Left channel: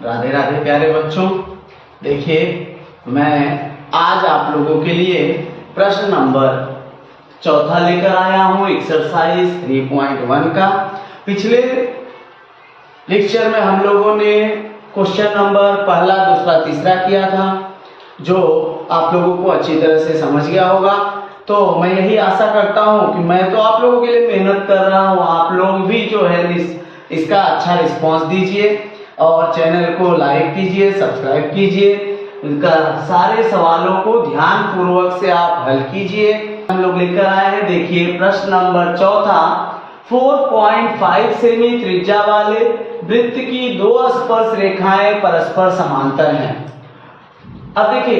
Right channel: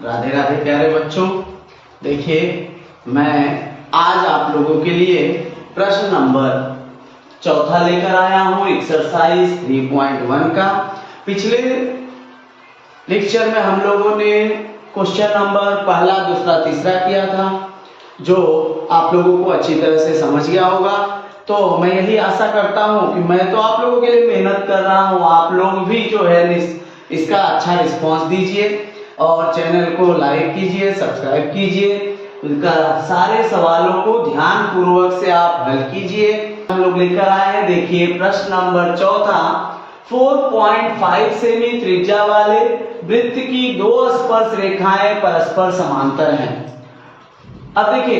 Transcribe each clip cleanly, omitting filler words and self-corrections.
राधे राधे प्यारे बच्चों। देखिए, मैं आज आप लोगों के लिए प्रश्न नंबर 4 लेकर आया हूं, एक्सरसाइज 3.1 का। पिछले लेक्चर में हम लोगों ने क्वेश्चन नंबर पहला, दूसरा, तीसरा किया था, जो आप लोगों को अच्छी तरह से समझ गया होगा। तो मैं यही आशा करता हूं कि मैं तो आप लोगों के लिए मेहनत कर रहा हूं, आप लोग भी जो है इसका अच्छा रिस्पांस दीजिए और चैनल को लाइक कीजिए, सब्सक्राइब कीजिए। उनका सारे सवालों को ध्यान पूर्वक से आप हल कीजिए। हम लोग लेकर आए हैं, देखिए प्रश्न नंबर 4, 4.5 सेमी त्रिज्या वाले वृत्त की दो स्पर्श रेखाएं परस्पर समांतर हैं। अब देखिए,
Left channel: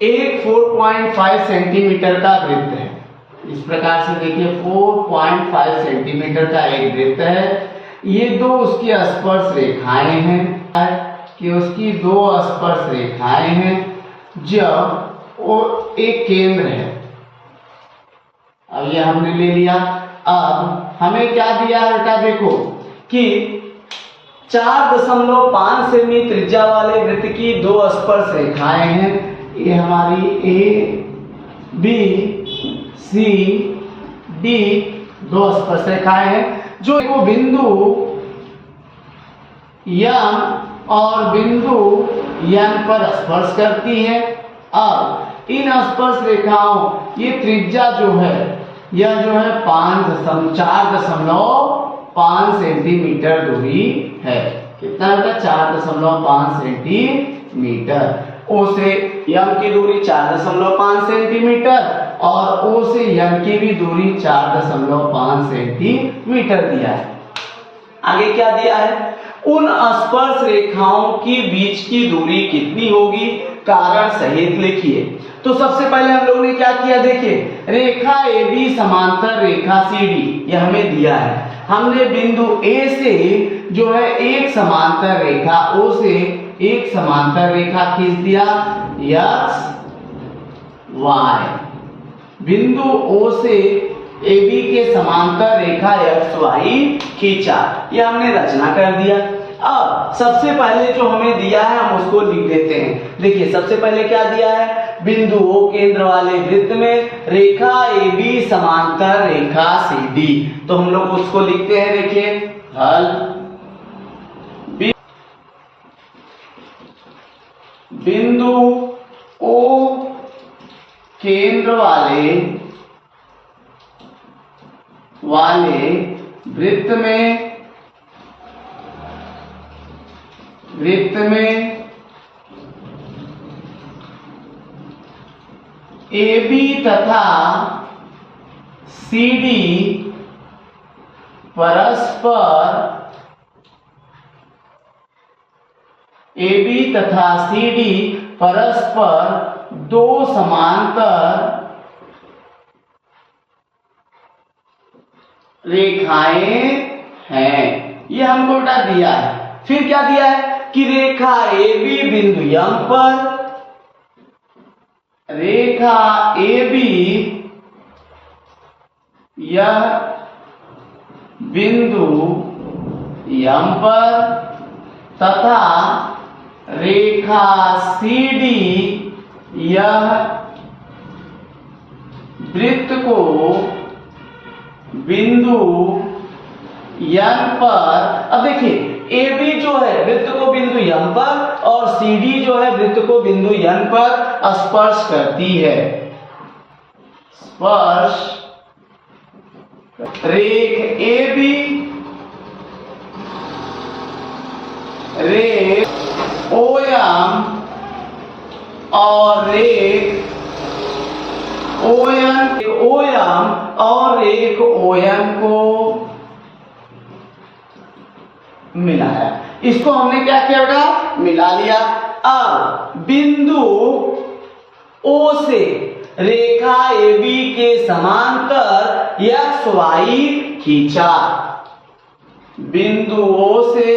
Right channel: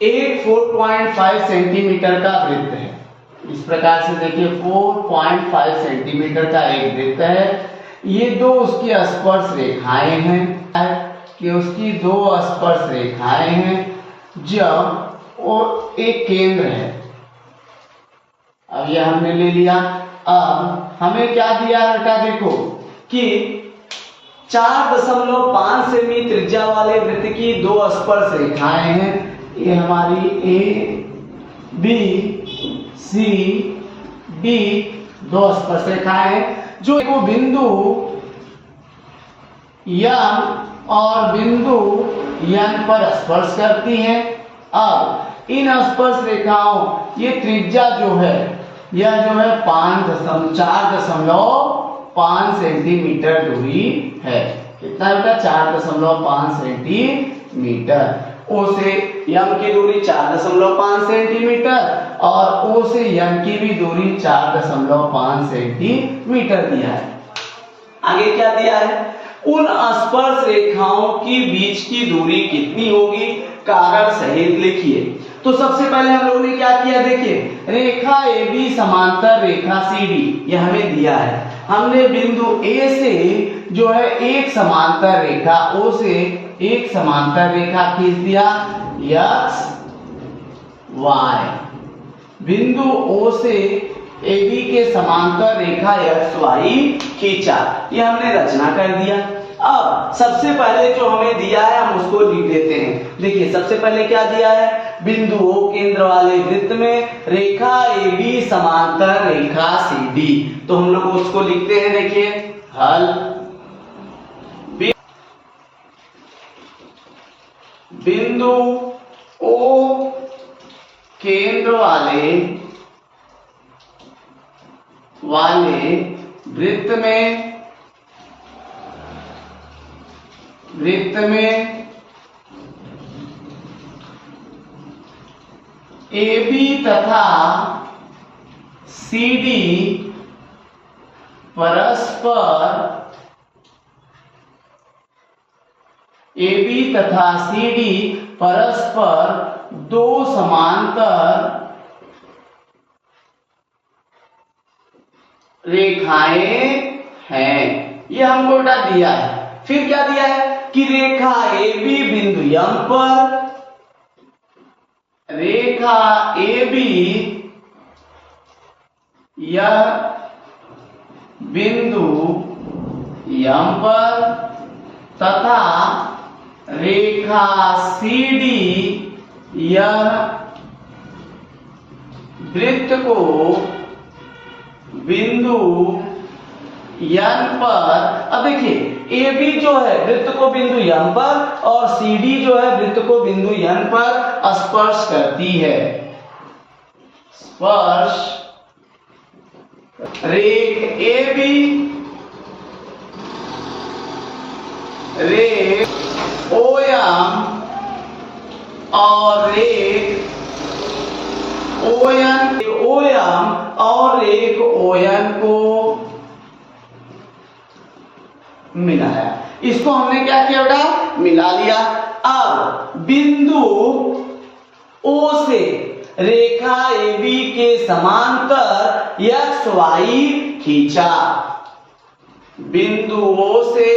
एक 4.5 सेंटीमीटर का वृत्त है। इस प्रकार से देखिए, 4.5 सेंटीमीटर का एक वृत्त है। ये दो उसकी स्पर्श रेखाएं हैं कि उसकी दो स्पर्श रेखाएं हैं, जब वो एक केंद्र है। अब ये हमने ले लिया। अब हमें क्या दिया है बेटा, देखो कि 4.5 सेमी त्रिज्या वाले वृत्त की दो स्पर्श रेखाएं हैं। ये हमारी ए बी सी डी दो स्पर्श रेखाएं हैं, जो वो बिंदु यम और बिंदु यन पर स्पर्श करती हैं। अब इन स्पर्श रेखाओं, ये त्रिज्या जो है, यह जो है 4.5 सेंटीमीटर दूरी है। कितना है? 4.5 सेंटीमीटर। ओ से यम की दूरी 4.5 सेंटीमीटर और ओ से यम की भी दूरी 4.5 सेंटीमीटर दिया है। आगे क्या दिया है? उन स्पर्श रेखाओं की बीच की दूरी कितनी होगी, कारण सहित लिखिए। तो सबसे पहले हम लोगों ने क्या किया, देखिए रेखा AB समांतर रेखा CD, यह हमें दिया है। हमने बिंदु A से जो है एक समांतर रेखा, O से एक समांतर रेखा खींच दिया, X Y। बिंदु O से AB के समांतर रेखा XY खींचा, ये हमने रचना कर दिया। अब सबसे पहले जो हमें दिया है हम उसको लिख देते हैं। देखिए सबसे पहले क्या दिया है, बिंदु O केंद्र वाले वृत्त में रेखा AB समांतर रेखा CD। तो हम लोग उसको लिखते हैं, देखिए हल। बिंदु O केंद्र वाले वृत्त में AB तथा CD परस्पर दो समांतर रेखाएं हैं। ये हमको बेटा दिया है। फिर क्या दिया है कि रेखा AB बिंदु यम पर, रेखा AB यह बिंदु यम पर तथा रेखा CD यह वृत्त को बिंदु यन पर। अब देखिए AB जो है वृत्त को बिंदु यन पर और CD जो है वृत्त को बिंदु यन पर स्पर्श करती है। स्पर्श रेख AB, रेख OM और रेख ON, OM और रेख ON को मिलाया। इसको हमने क्या किया बेटा, मिला लिया। अब बिंदु O से रेखा AB के समांतर XY खींचा। बिंदु O से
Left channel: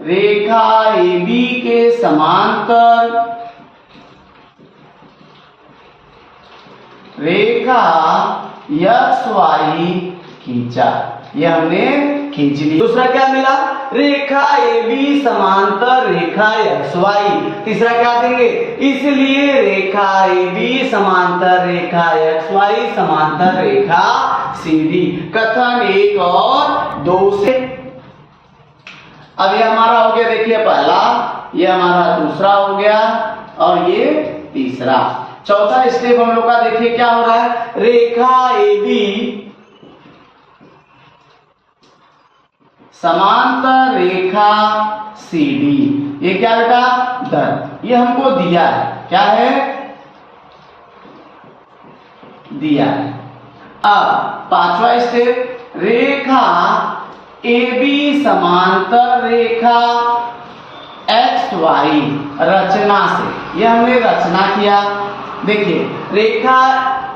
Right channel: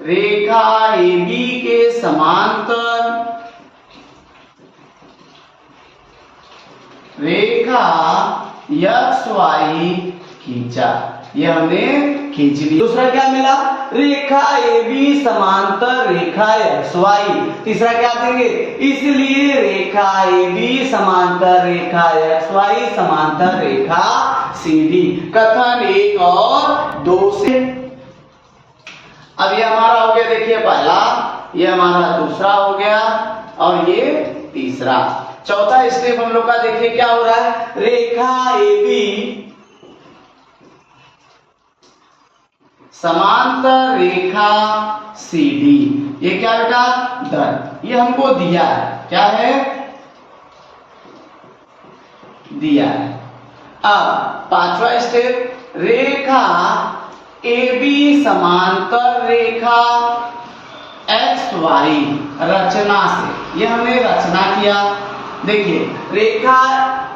रेखा AB के समांतर रेखा XY खींचा। ये हमने खींच ली। दूसरा क्या मिला, रेखा AB समांतर रेखा XY। तीसरा क्या देंगे, इसलिए रेखा AB समांतर रेखा XY समांतर रेखा CD। कथन 1 और 2 से। अब ये हमारा हो गया, देखिए पहला, ये हमारा दूसरा हो गया और ये तीसरा। चौथा स्टेप हम लोग का देखिए क्या हो रहा है, रेखा AB समांतर रेखा CD। ये क्या बेटा, दर, ये हमको दिया है, क्या है, दिया है। अब पांचवा स्टेप, रेखा AB समांतर रेखा XY रचना से। ये हमने रचना किया। देखिए रेखा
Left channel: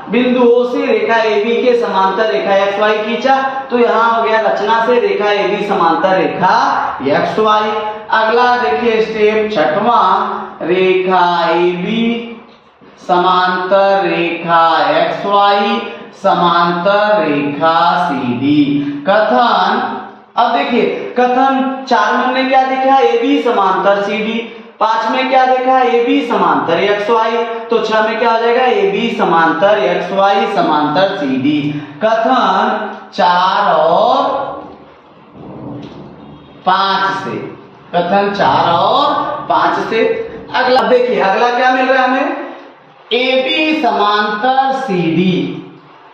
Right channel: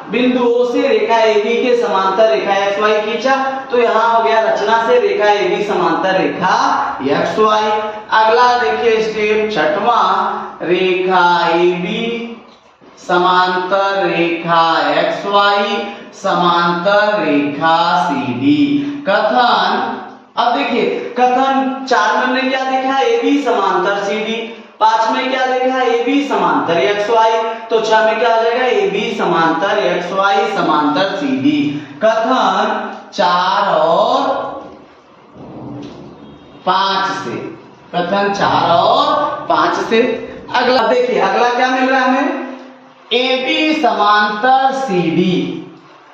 बिंदु O से रेखा AB के समांतर रेखा XY खींचा, तो यहां हो गया रचना से रेखा AB समांतर रेखा XY। अगला देखिए स्टेप छठवां, रेखा AB समांतर रेखा XY समांतर रेखा CD। कथन, अब देखिए कथन 4 में हमने क्या देखा, AB समांतर CD। 5 में क्या देखा, AB समांतर XY। तो 6 में क्या हो जाएगा, AB समांतर XY समांतर CD। कथन 4 और 5 से, कथन 4 और 5 से। अगला देखिए, अगला क्या मिल रहा है हमें, AB समांतर CD।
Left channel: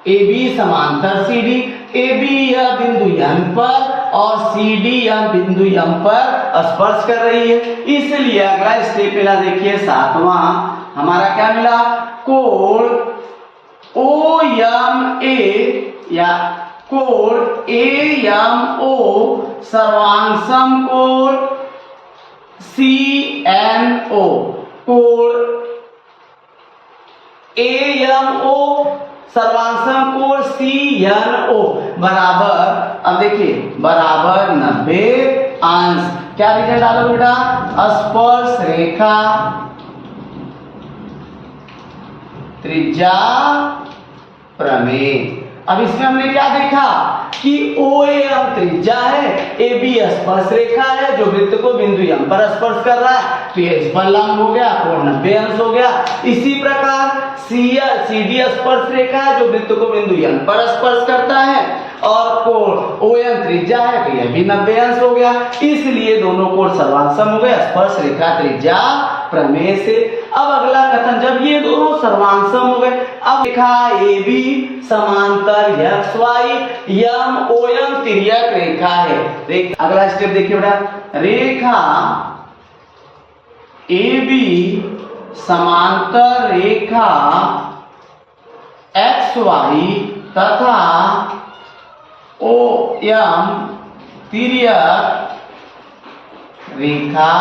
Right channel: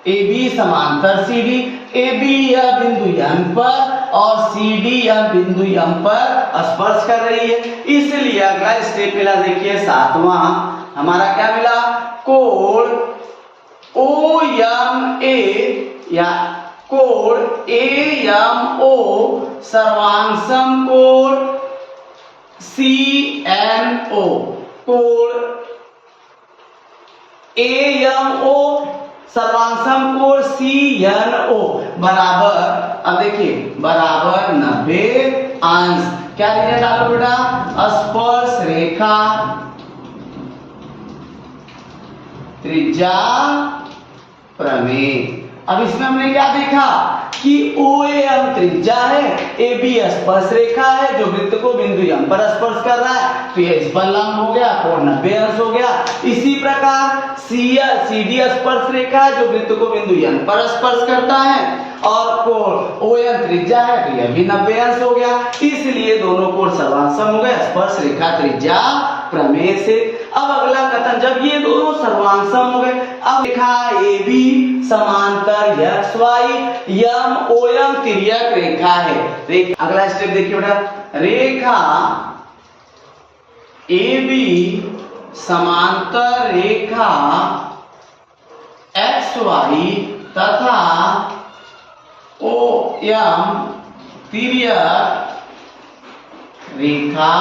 AB समांतर CD, AB या बिंदु M पर और CD या बिंदु M पर स्पर्श कर रही है, इसलिए अगला स्टेप मिला, देखिए 7वां हमारा क्या मिला, कोण OMA या कोण AMO सर्वांग कोण CNO। कोण AMO सर्वांग कोण CNO बराबर, अब देखिए बराबर 90 अंश। क्या लिखे डालो बेटा, स्पर्श रेखा त्रिज्या प्रमेय। अब इसमें हमने क्या देखा कि OAM त्रिज्या है, AB स्पर्श रेखा है जो वृत्त को बिंदु M पर स्पर्श कर रहा है, तो ये इस पर लंब हो गया, कोण 90 अंश हो गया। इसी प्रकार CD स्पर्श रेखा है जो वृत्त को बिंदु N पर स्पर्श करता है और कोण OM त्रिज्या है, तो यह भी 90 अंश हो गया। इसलिए दोनों कोण सर्वांग हो गए स्पर्श रेखा त्रिज्या प्रमेय से। अब अगला कथन, जब ये दोनों सर्वांग हो गए, अब रेखा AB समांतर XY MOM तिर्यक रेखा है। अगला स्टेप देखिए बेटा, रेखा AB समांतर रेखा XY तथा OM तिर्यक रेखा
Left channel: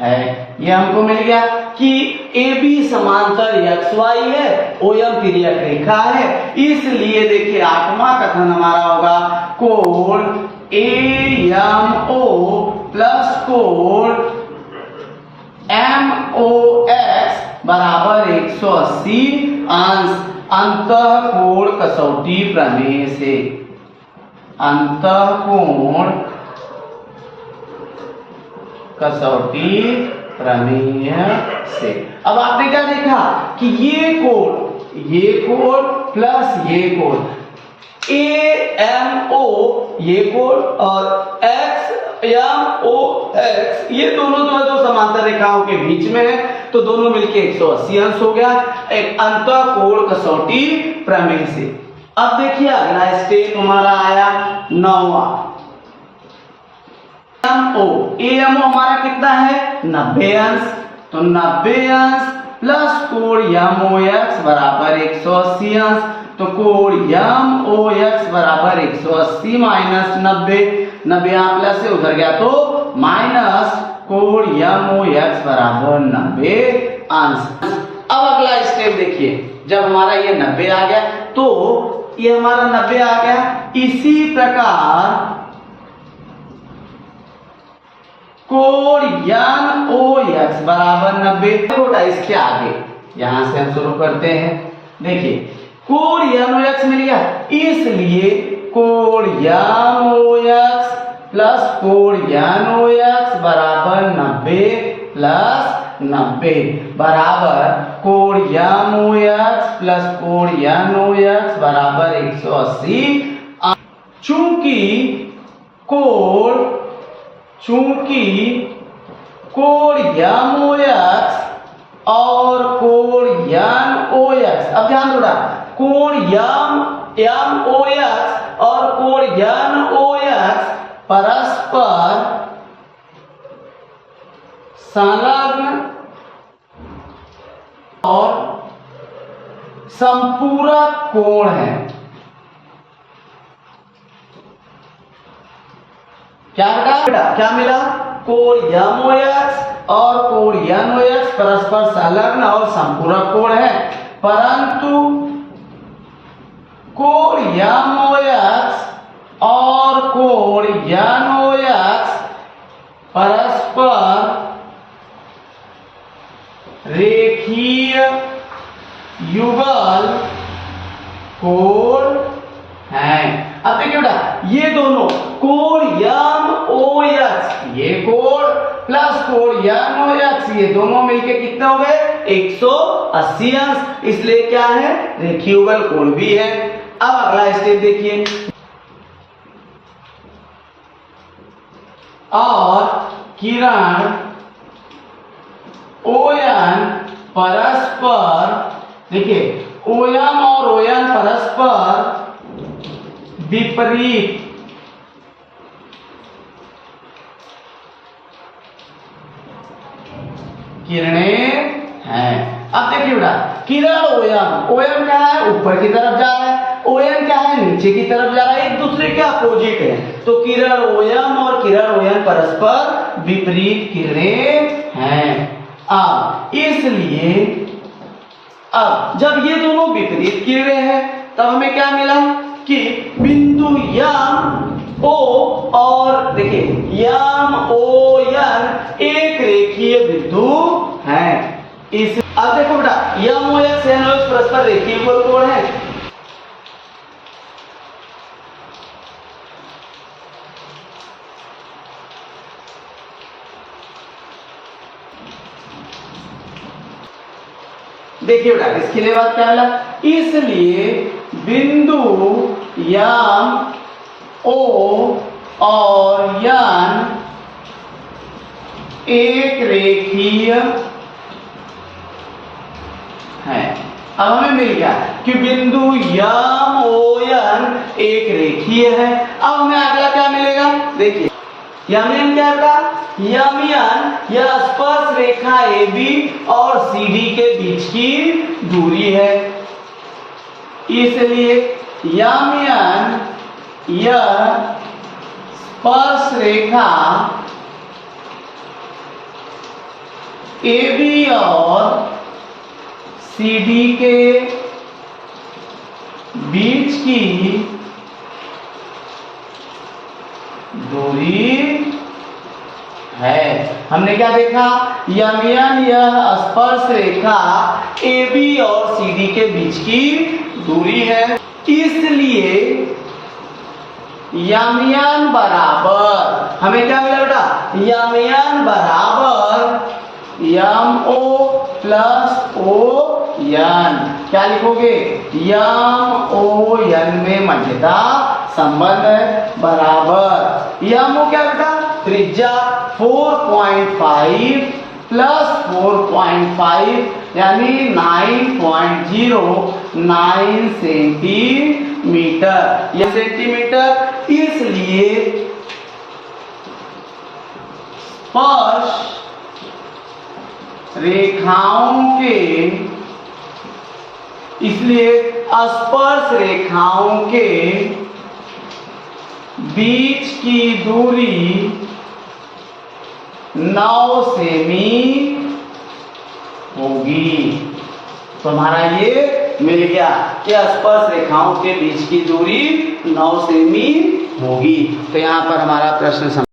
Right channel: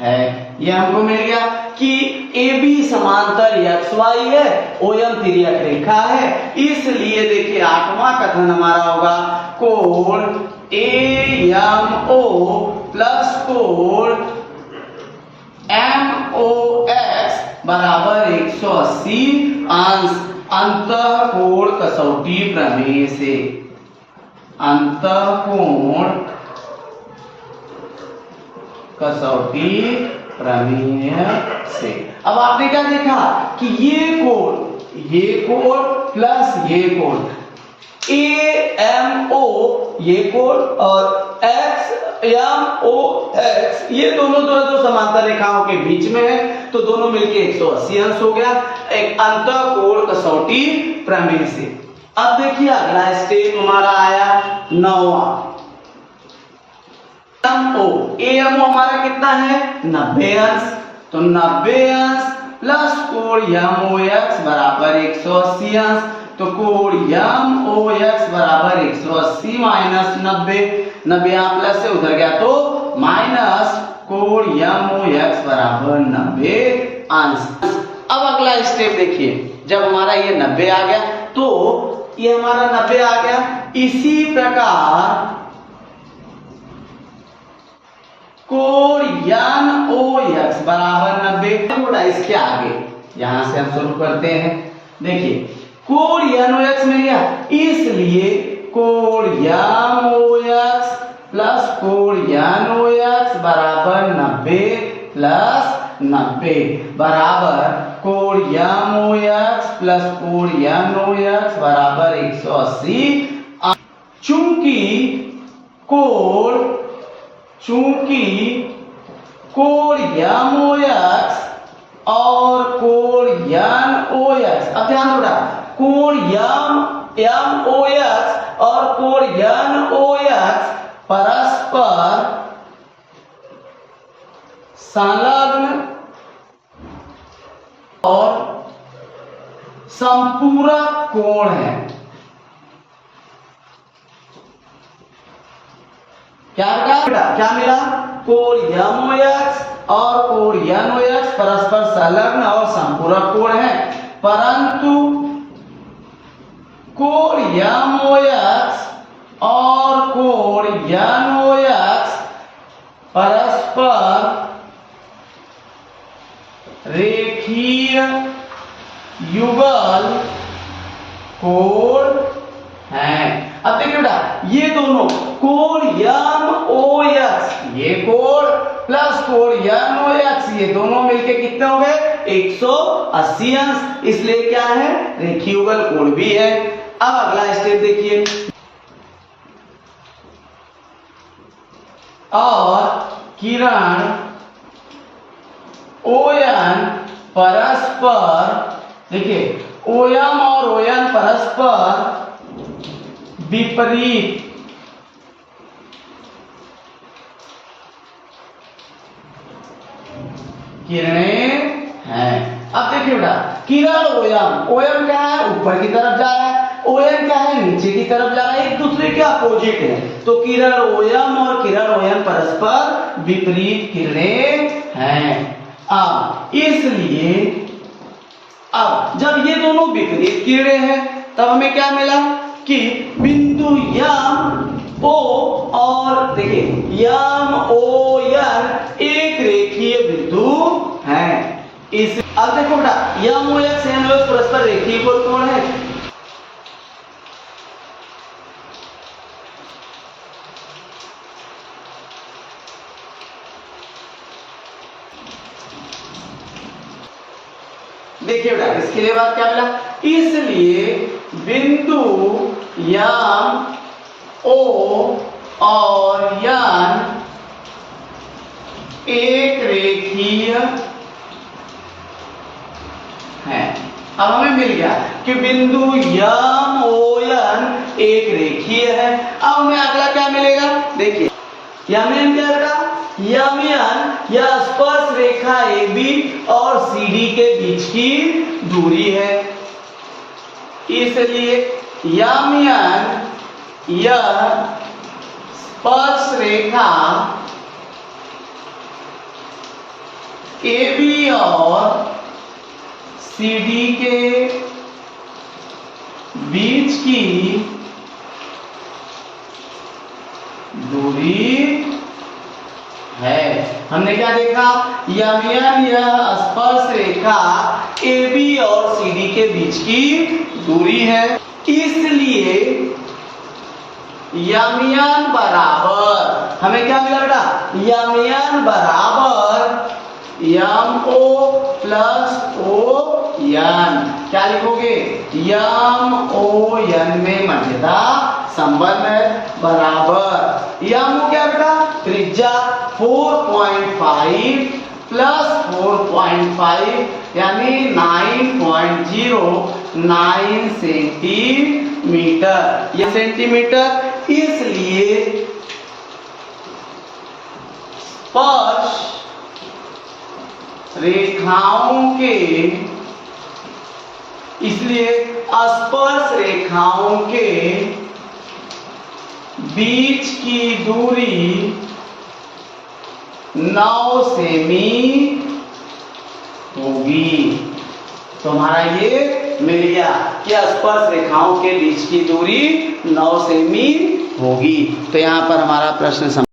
है। ये हमको मिल गया कि AB समांतर XY है, OM तिर्यक रेखा है, इसलिए देखिए 8वां कथन हमारा होगा, कोण AMO प्लस कोण MOX बराबर 180 अंश अंतःकोण कसौटी प्रमेय से। अंतःकोण कसौटी प्रमेय से। अब आपने क्या देखा कि ये कोण प्लस ये कोण AMO ये कोण और XMOX ये दोनों जो है दो समांतर रेखाओं के बीच में है, तो दोनों मिलके 180 अंश हो गया, एक अंतःकोण कसौटी प्रमेय से। अब देखिए अगला स्टेप हमारा आया 9वां, AMO हमारा कितना है 90 अंश, तो 90 अंश प्लस कोण MOX बराबर 180 अंश, तो कोण MOX बराबर 180 माइनस 90, 90 यहाँ प्लस से उधर गया तो माइनस, कोण MOX बराबर 90 अंश। अब अगला स्टेप देखिए, जब हमारा ये 90 आ गया तो ये हमारा 90 आ गया, इसी प्रकार कोण NOX बराबर 90, थोड़ा इसके आगे यहां से हम शुरू करते हैं। देखिए कोण NOX मिल गया, इसलिए कोण यम OX प्लस कोण यन OX बराबर 90 प्लस 90 बराबर कोण यम OX प्लस कोण यन OX बराबर 180। चूंकि कोण यम OX और कोण यन OX, अब ध्यान दो, कोण यम OX और कोण यन OX परस्पर संलग्न और संपूरक कोण है। क्या मिला? कोण यम OX और कोण यन OX परस्पर संलग्न और संपूरक कोण है, परंतु कोण यम OX और कोण यन OX परस्पर रेखीय युगल कोण है। अब देखिए बेटा, ये दोनों कोण यम OX, ये कोण प्लस कोण यन OX, ये दोनों मिलके कितने हो गए? 180 अंश, इसलिए क्या है? रेखीय युगल कोण भी है। अब अगला स्टेप देखिए, और किरण ON परस्पर, देखिए OM और ON परस्पर विपरीत किरणें हैं। अब देखिए बेटा, किरण OM क्या है? ऊपर की तरफ जा रहा है, ON क्या है? नीचे की तरफ जा रहा है, एक दूसरे के अपोजिट है। तो किरण OM और किरण ON परस्पर विपरीत किरणें हैं। अब इसलिए अब जब ये दोनों विपरीत किरणें हैं, तब हमें क्या मिला कि बिंदु यम O और देखिए यम ON एक रेखीय बिंदु है। इस अब देखो बेटा, यम OX यन OX परस्पर रेखीय युगल कोण है। देखिए बेटा, इसके लिए बात क्या मिला? इसलिए बिंदु यम O और यन एक रेखीय है। अब हमें मिल गया कि बिंदु यम ON एक रेखीय है। अब हमें अगला क्या मिलेगा? देखिए यमन क्या था? यमन यह स्पर्श रेखा AB और CD के बीच की दूरी है, इसलिए यमन यह स्पर्श रेखा AB और CD के बीच की दूरी है। हमने क्या देखा? यमन यह स्पर्श रेखा AB और CD के बीच की दूरी है, इसलिए यमन बराबर, हमें क्या मिला बेटा? यमन बराबर MO प्लस ON। क्या लिखोगे? MON में मध्यता संबंध है, बराबर MO क्या बेटा? त्रिज्या 4.5 प्लस 4.5 यानी 9.09 सेंटीमीटर, यह सेंटीमीटर, इसलिए स्पर्श रेखाओं के, इसलिए स्पर्श रेखाओं के बीच की दूरी 9 सेमी होगी। तो हमारा ये मिल गया कि स्पर्श रेखाओं के बीच की दूरी 9 सेमी होगी। तो यहां पर हमारा प्रश्न